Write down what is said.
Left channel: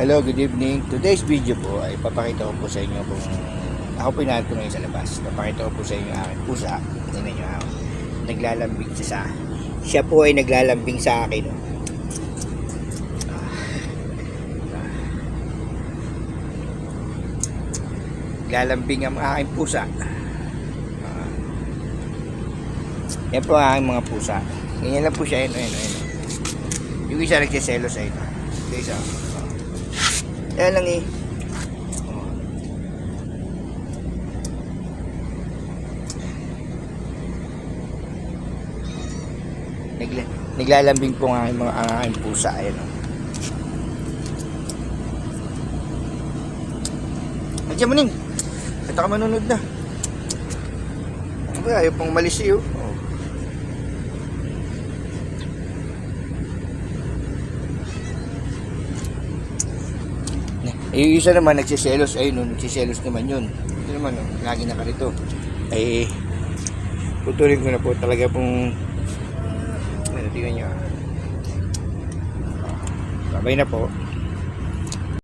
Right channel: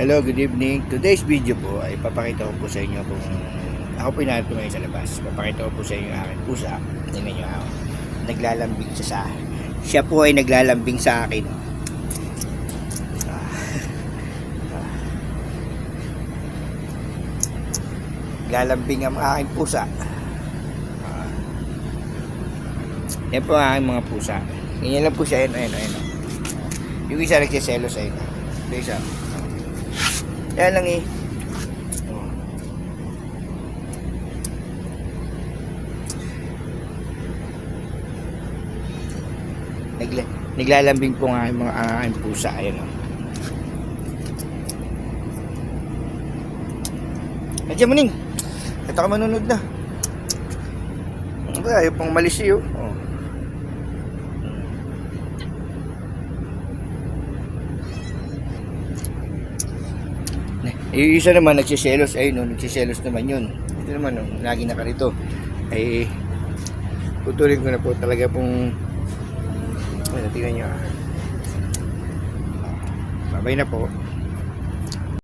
Hello, good evening. Today's video po ay papakita ko po sa inyo kung ako po inaanap ko ngayon sa labas. Papakita ko po sa inyo ang aking pusa. Tingnan nyo ako. Naglalambing siya sa akin. Siya po ay naglalambing sa akin. Oh. Naglalambing ang aking pusa. Yan po ang aking mga pusa. Ganyan lang po siya. Ayun. Yung isa nagsiselos ayun. Yung isa. Yan lang eh. Naglalambing po nga yung mga aking pusa. Ayan o. Nandiyan mo ning. Ito ka manunod na. Ayaw pang malisi o. Yung isa naman nagsiselos, ayun, nagsiselos naman yun. Ito naman, lagi na ka rito. Ay, putulin ko na po talaga pong, ay, natingnan nyo. Babay na po.